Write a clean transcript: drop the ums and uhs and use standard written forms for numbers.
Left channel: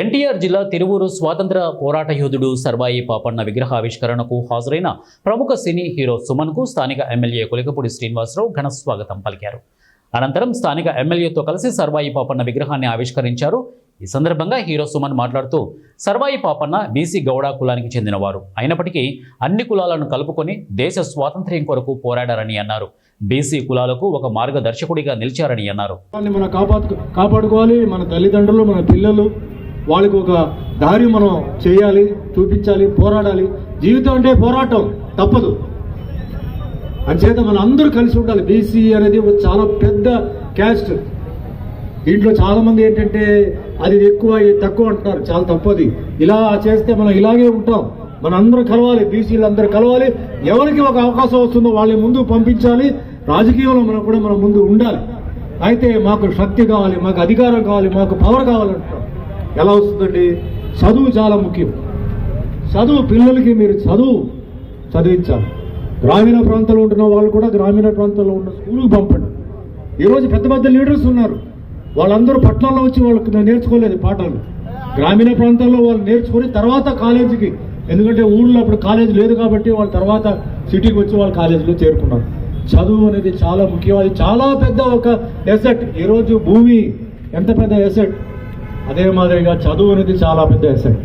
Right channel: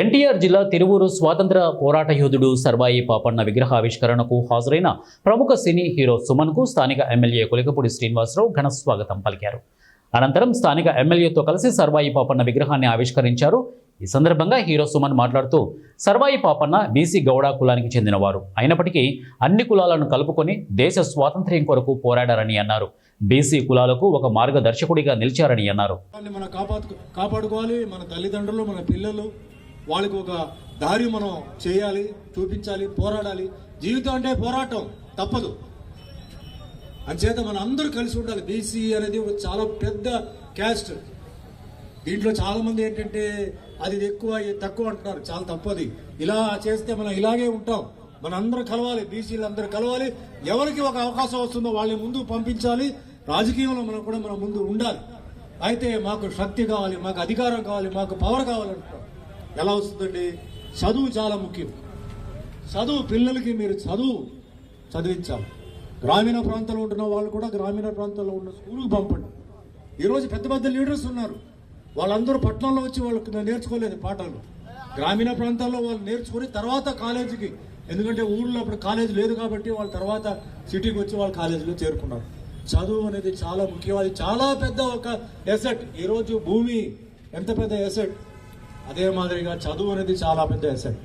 ఎన్టీఆర్ జిల్లా తిరువూరు స్వాతంత్ర పోరాట యోధుడు సర్వాయి పాపన్న విగ్రహ ఆవిష్కరణకు హాజరైన ప్రముఖ సినీ హీరో సుమన్కు స్థానిక ఎమ్మెల్యే కొలికపూడి శ్రీనివాసరావు ఘన స్వాగతం పలికారు. అనంతరం స్థానిక ఎమ్మెల్యేతో కలిసి సర్వాయి పాపన్న విగ్రహాన్ని ఆవిష్కరించారు. ఈ సందర్భంగా హీరో సుమన్ మాట్లాడుతూ సర్వాయి పాపన్న బీసీ గౌడ కులానికి చెందినవారు అయినప్పటికీ అన్ని కులాలను కలుపుకొని దేశ స్వాతంత్ర్యం కొరకు పోరాడారని అన్నారు. బీసీ కులాలకు ఒక మార్గదర్శకుడిగా నిలిచారని అన్నారు. మనం కాపాడుకోవాలి, మన తల్లిదండ్రులు, మన పిల్లలు, వాళ్ళకి ఒక దారి మనం చేయాలి, చూపించాలి, పోరాడాలి. జీవితం అంటే పోరాటం తప్పదు. అంచేత మన అందరూ కలిసి ఉండాలి. బీసీ అనేది ఒక చాలా పెద్ద క్యాస్ట్. దీంట్లో చాలామంది ఏంటంటే అది ఎక్కువ తక్కువ అంటున్నారు. చాలా తప్పది. ఇలా చేస్తే మనం ఇలాగే ఉంటాం. మన అందరూ కలవాలి, బీసీలు అందరూ కలవాలి. ఎవరికి ఒక అవకాశం వస్తుందో వాళ్ళని ముందు పంపించాలి. రాజకీయంలో మనం ముందు ఉండాలి. అయితే మాకు శక్తి కావాలి, మాకు అధికారం కావాలి, మాకు పవర్ కావాలంటాం. ఎలా వస్తుందండి? చదువు చాలా ముఖ్యం. చదువు, పిల్లలకి మీరు చదివించాలి. గ్రామీణ ప్రాంతాల్లో ఉంటున్న వాళ్ళు కూడా గ్రామీణ ప్రాంతాల్లో ఉన్న స్కూల్కి పంపండి. ఈరోజు పెద్ద పెద్ద లీడర్స్ ఉన్నారు. వాళ్ళందరూ పట్టణాల్లో వచ్చి వాళ్ళకి నేర్చుకోలేదు పాఠాలు. గ్రామీణ ప్రాంతాల్లో వాళ్ళు నేర్చుకొని తర్వాత కాలేజీకి, ఎందుకంటే ఊళ్ళో అప్పుడు కాలేజీ లేదు కాబట్టి వాళ్ళు తర్వాత సిటీకి వచ్చి వాళ్ళు కాలేజీలో చేరుకున్నారు. చదువు అనేది చాలా ముఖ్యం. అది చాలా పెద్ద ఒక ఎసెట్. ఈరోజు భూమి ఎంత పెద్ద ఎసెట్, అదే మాదిరిగా చదువు అనేది చాలా పెద్ద ఎసెట్.